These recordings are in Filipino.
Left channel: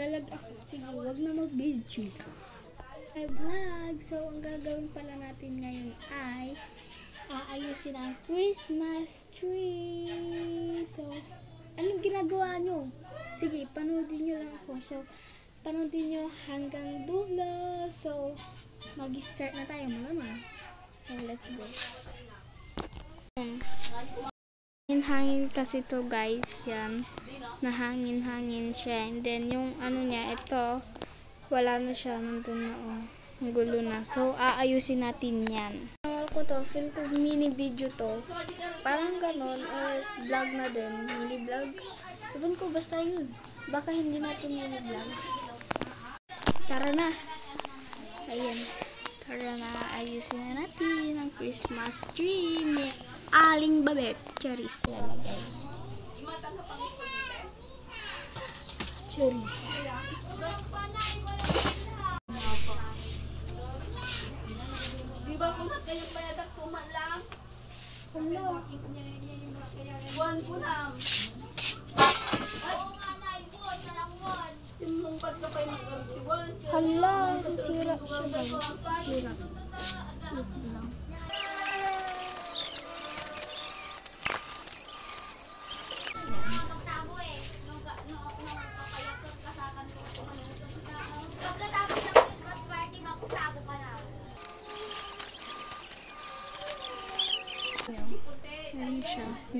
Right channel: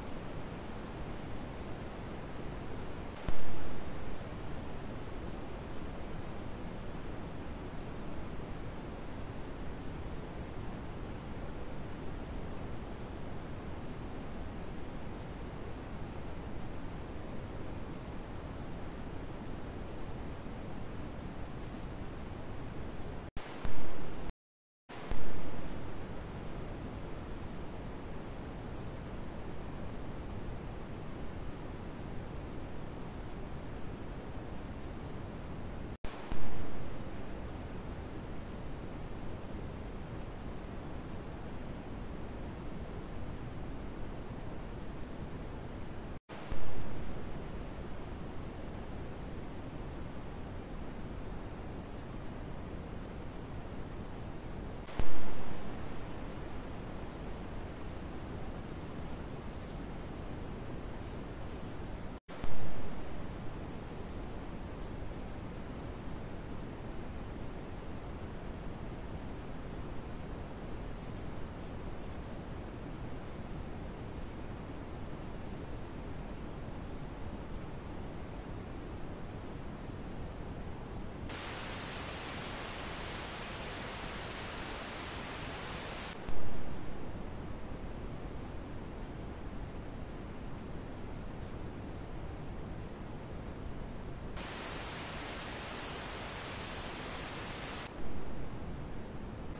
naglalag ako. Sige, huwag na mag-video. Vlog. So, ang gagawin pala natin ngayon ay aayusin ang Christmas tree. So, anong ginagawa nyo? Sige, panoodin nyo lang po. So, panoodin nyo hanggang dulo. So, mag-start na tayo naman. So, let's go. Hangin kasi to guys. Yan. Nahangin-hangin siya. And then, yung ano niya, ito, wala na siya. Nandun na, oh. Gulo na. So, aayusin natin yan. Ako to, mini video to. Parang ganon, or vlog na din. Mini vlog. Ewan ko, basta yun. Baka hindi natin mini vlog. Tara na. Ayan. Tara na, ayusin na natin ang Christmas tree. May aling babet. Charis. Charis. Buwan po lang. Hala, sira siya ba? Sira.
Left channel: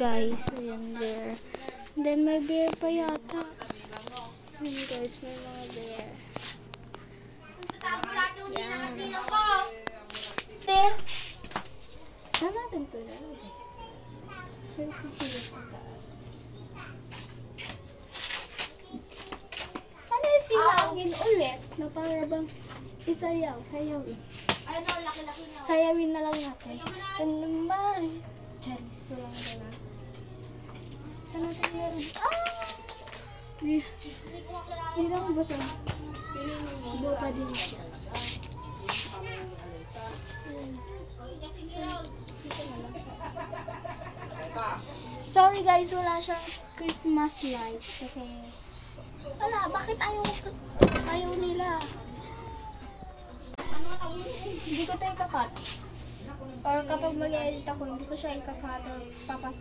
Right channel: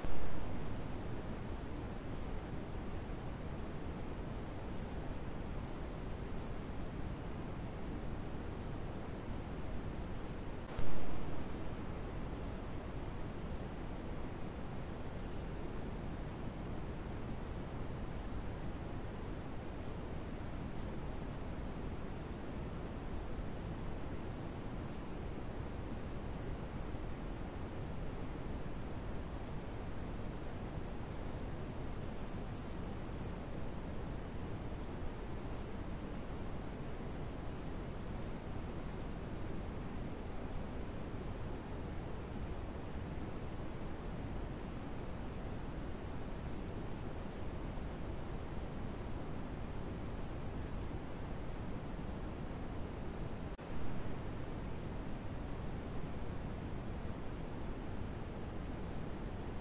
Guys, ayan there. And then may bear pa yata. Ayan guys, may mga bear. Yan. Saan natin ito guys? Ano yung silangin ulit? Na para bang isayaw, sayaw eh. Sayawin na lang natin. Ano naman? Charis, wala na gana. Saan natin yan? Hindi na ako basa. Iba pa din siya. Sorry guys, wala siyang Christmas light. Wala, bakit ayaw nila? Hindi ko tayo kakat. Or kapag mag-edit ako, hindi ko siya ikakat or papas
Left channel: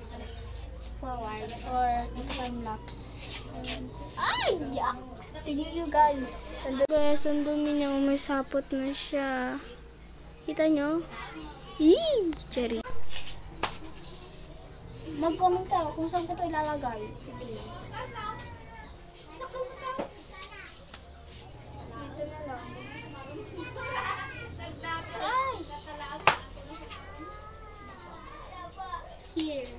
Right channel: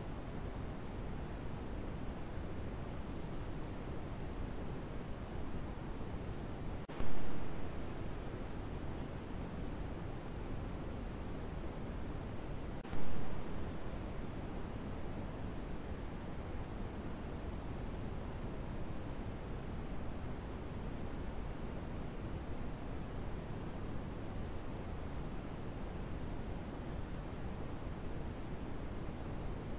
forward or time-lapse. Ay! Yucks! Tignan nyo guys. Guys, ang dumi niya. May sapot na siya. Kita nyo? Eee! Cherry. Mag-comment ka kung saan ko ito ilalagay. Sige. Here.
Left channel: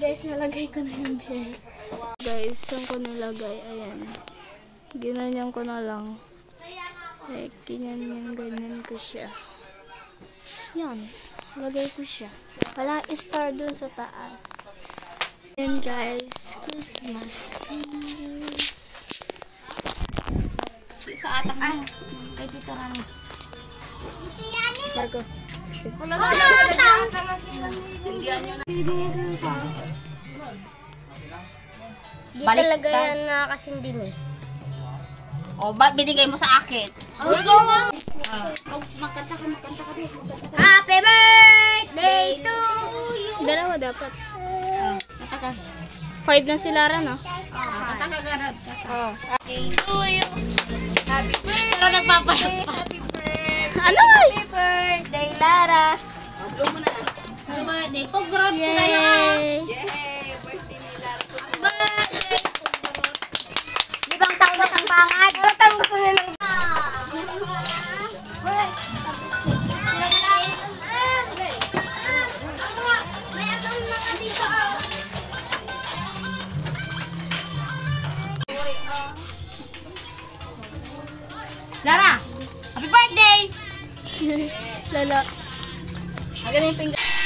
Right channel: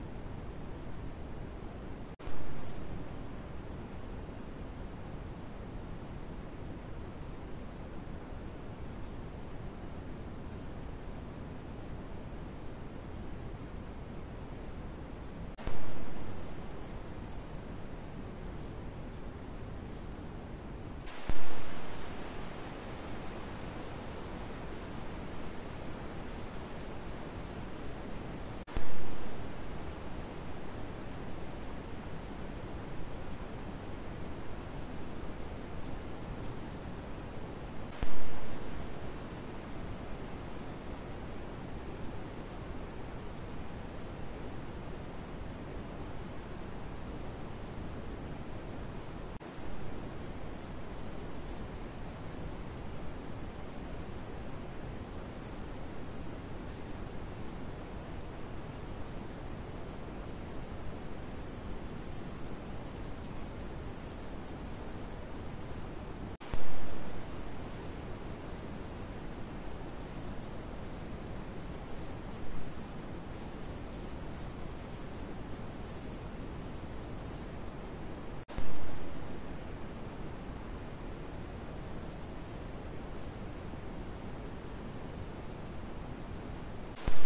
Guys, nalagay ko na yung bear. Guys, saan ko nilagay? Ayan. Ginanyan ko na lang. Like, ganyan ko siya. Yan. Lagay ko siya. Wala star dun sa taas. Ayan guys. Christmas. Sa atak mo. Ay, dito kami. Sargo. Wala na. Sindihan nyo na. Di talaga yan nakakasindi mo. O, ba't binigay mo sa akin? Makanta ka. Happy birthday to you! Dalawa dapat. Kanta ka. 5 na sila rin, no? Kanta ka ganun. Happy to you! Happy birthday! Pero nagpapalampa. Happy birthday! Ano ay? Happy birthday, Lara! Blow mo na. Happy birthday. Pag-grab ko tayo ha. Yay! Birthday. Di bang tanggap ang pangat? Ano tanggap ko na lang? Lara, happy birthday! Lala. Ganun yung pinggan.